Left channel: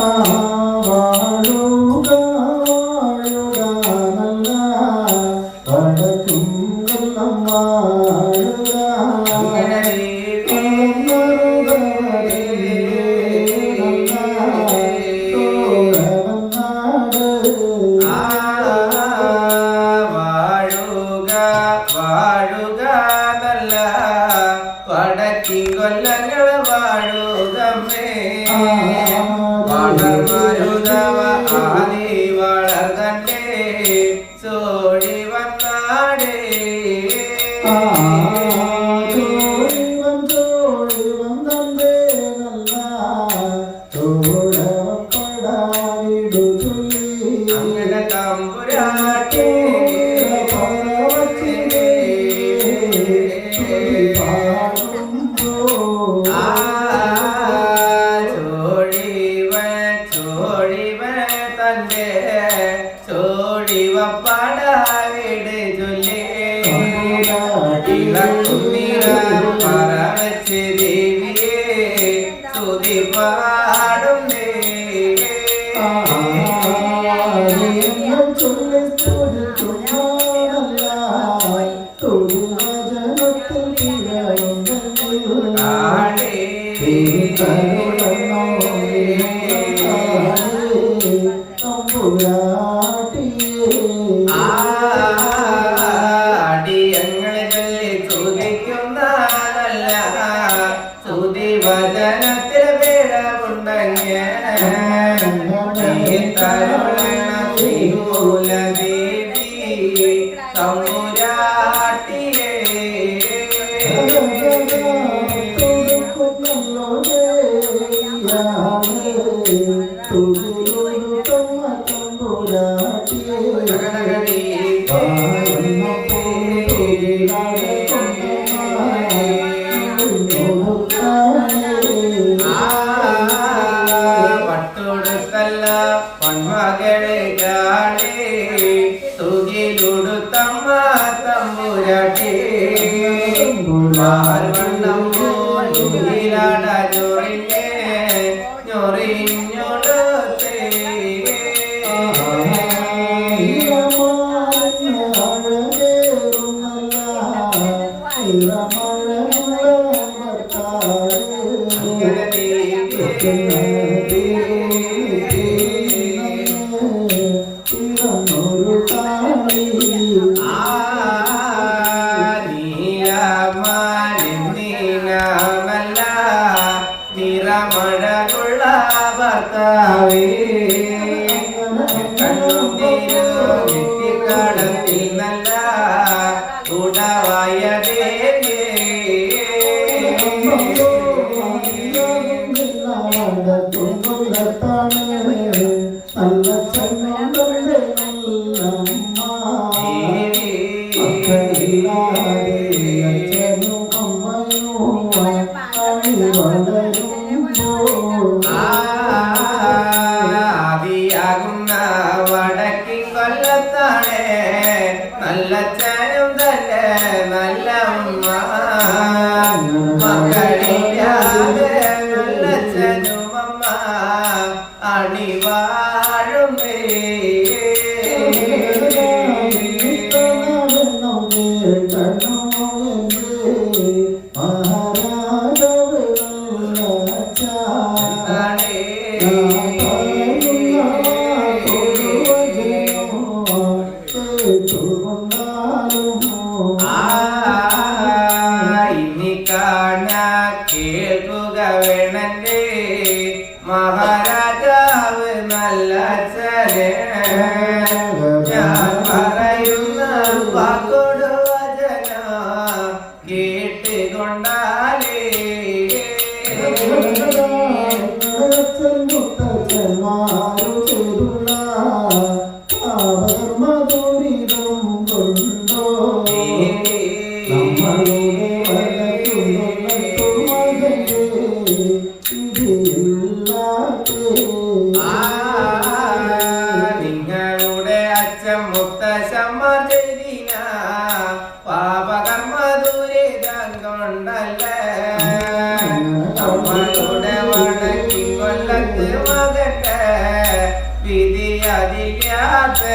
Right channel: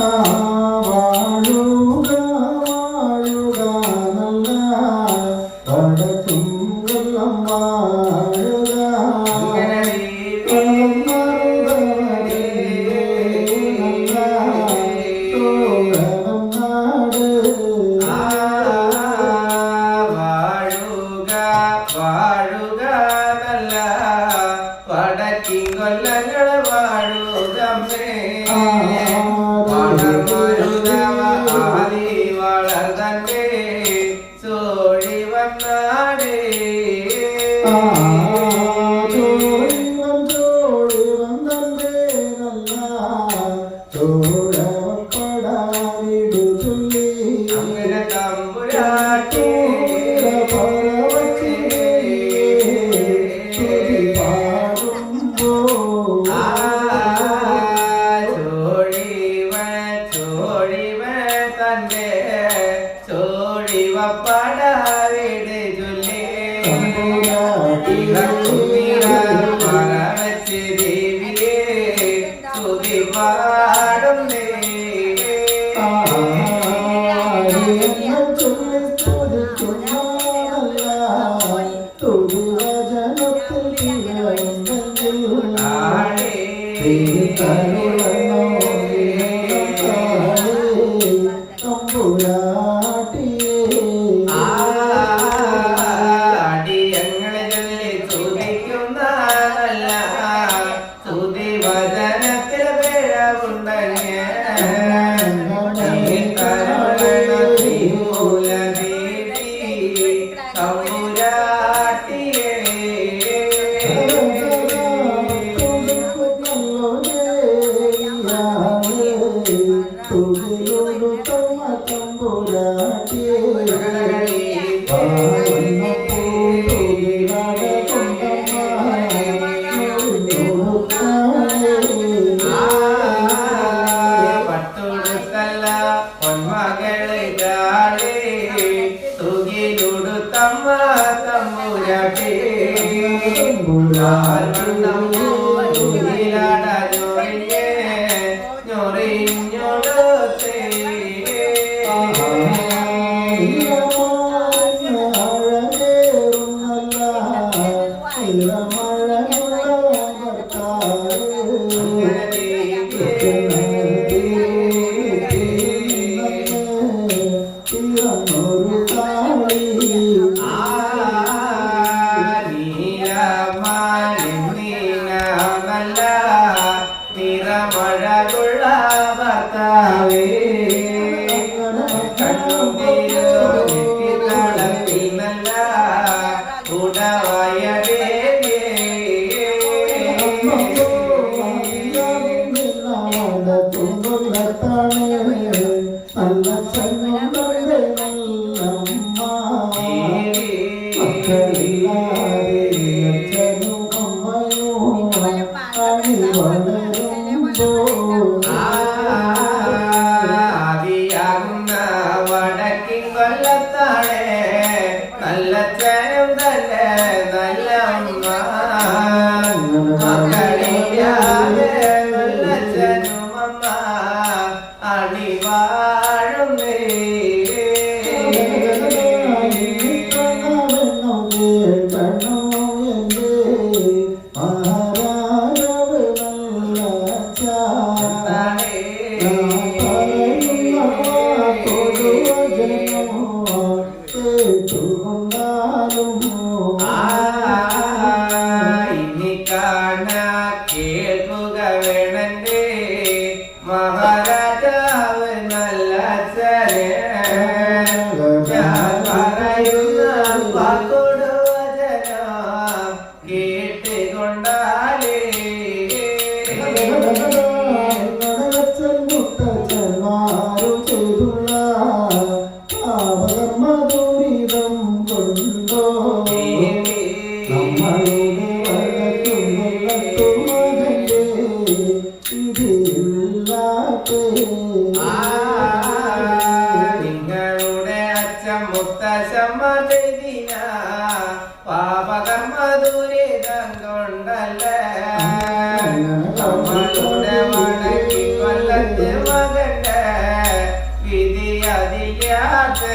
Oh. മഹാരാജാവ് നല്ല ചരേ ഞാൻ പറയുന്ന വാക്കോടുവചന കേട്ടുകൊണ്ടാലേ. പാപകർമ്മ ദുരിതം കൊണ്ടോ നമ്മളുടെ ಕವಿಯಾತೆ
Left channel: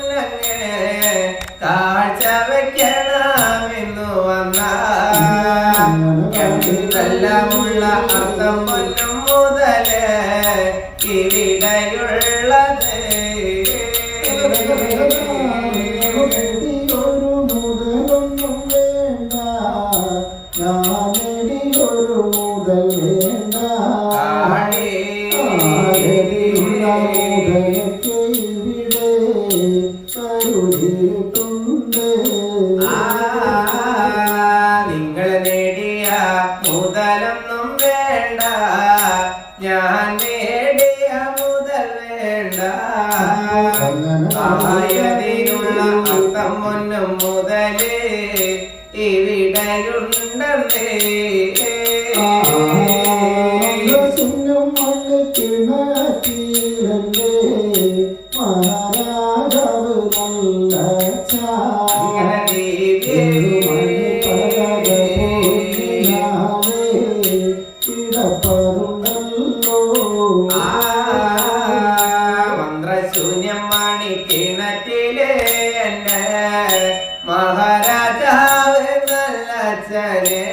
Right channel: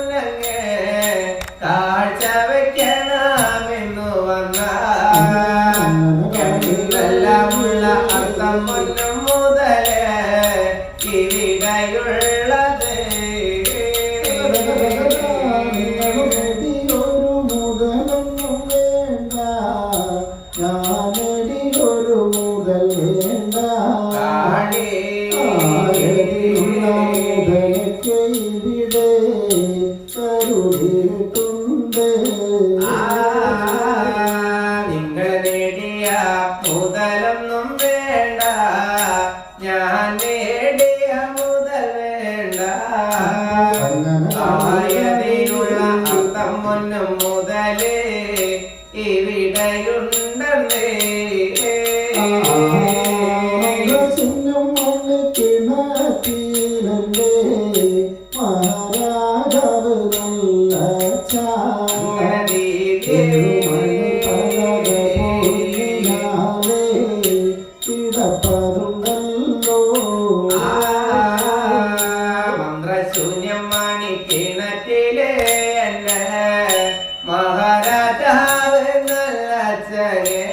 കണ്ണങ്ങ് കാഴ്ച വയ്ക്കണമെന്നു വന്ന അർത്ഥം വന്നു മഹാരാജാവ് നല്ലച്ഛനെ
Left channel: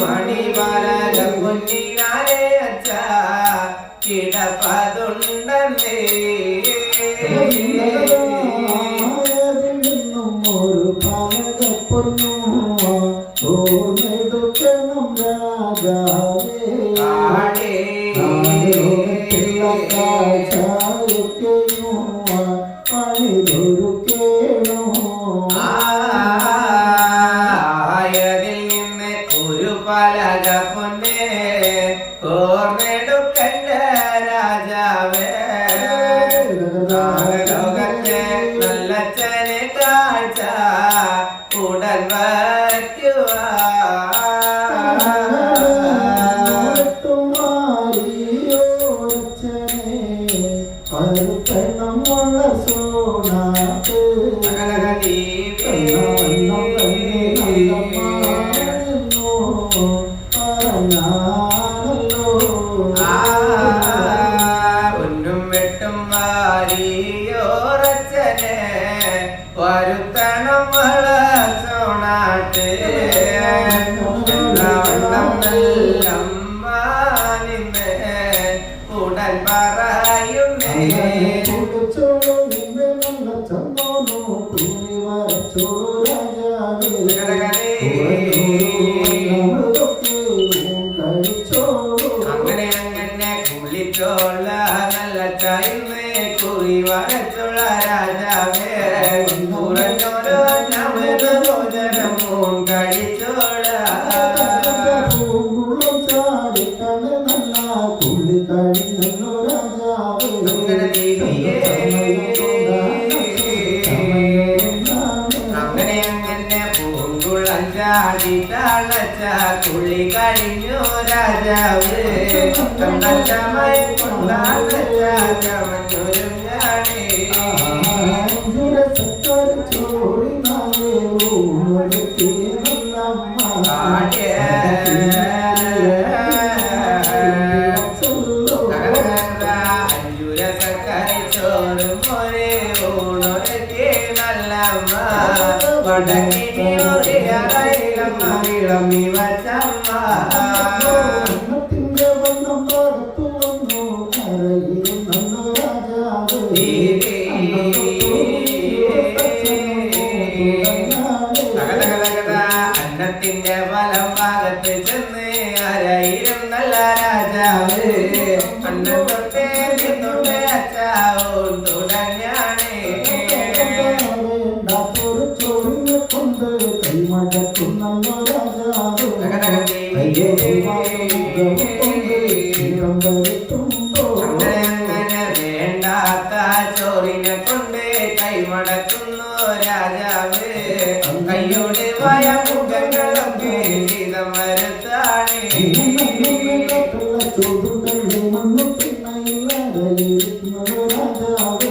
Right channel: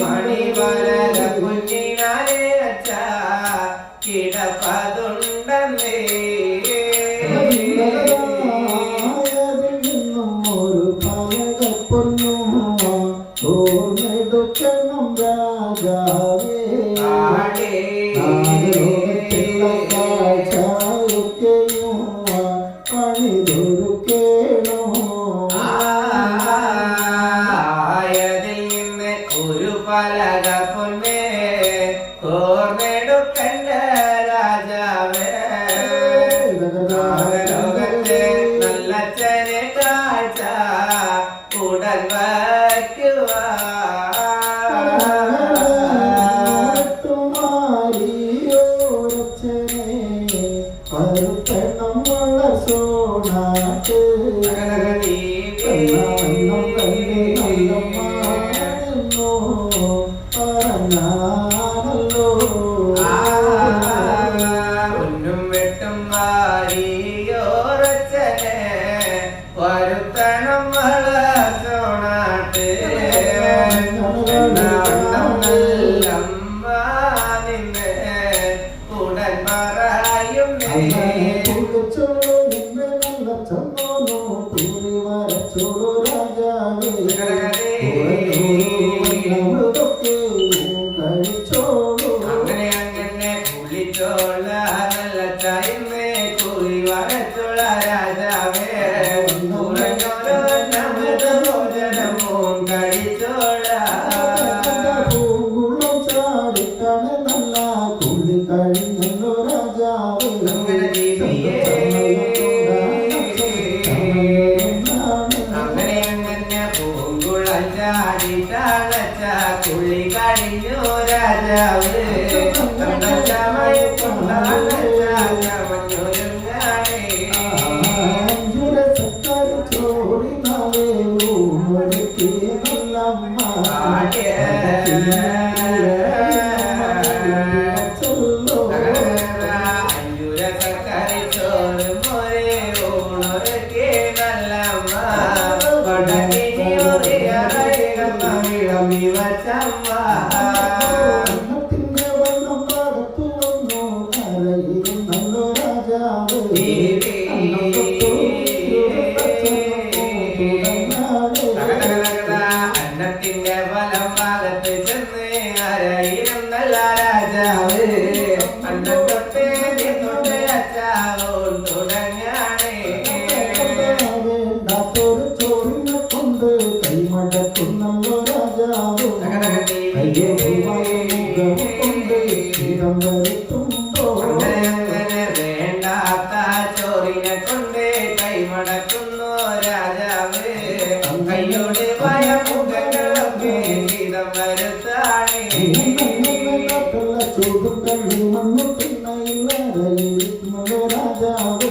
മണി വരല കുഞ്ഞിനാലെ അച്ഛ കിടപ്പതുണ്ടെന്നേ. രാജാവേ ആടേ ആടേ രാജാവേ ഉറങ്ങോരോ നമ്മുടെ ഭോജനമോ കഴിച്ചോടാ കുളി കഴിഞ്ഞു രാജാവ് മയ കൊള്ള i Chamar. రాజావే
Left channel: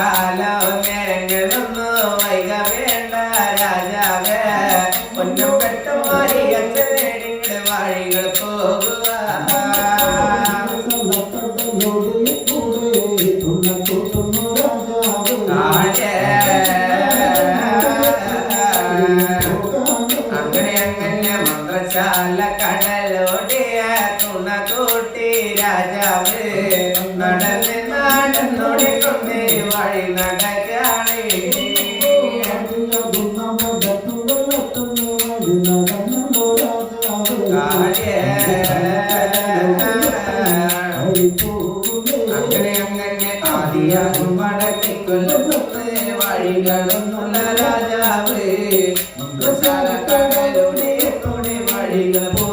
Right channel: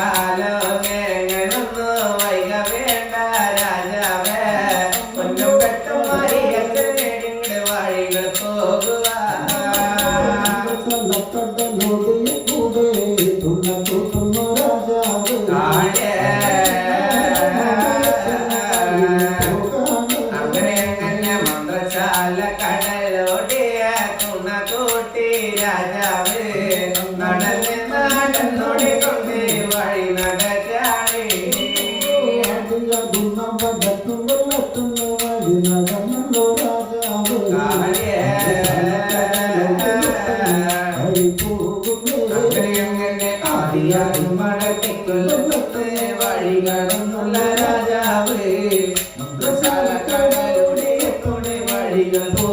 കാലമേങ്ങുന്നു വൈക വേണ്ട രാജാവേ. കടലോടിയ തുണ കൂട്ടി രാജാവ് നടന്ന് வழி நடக்காளே வழி நடந்துள்ள ராஜாவே கடலுடைய துணை வழிகள்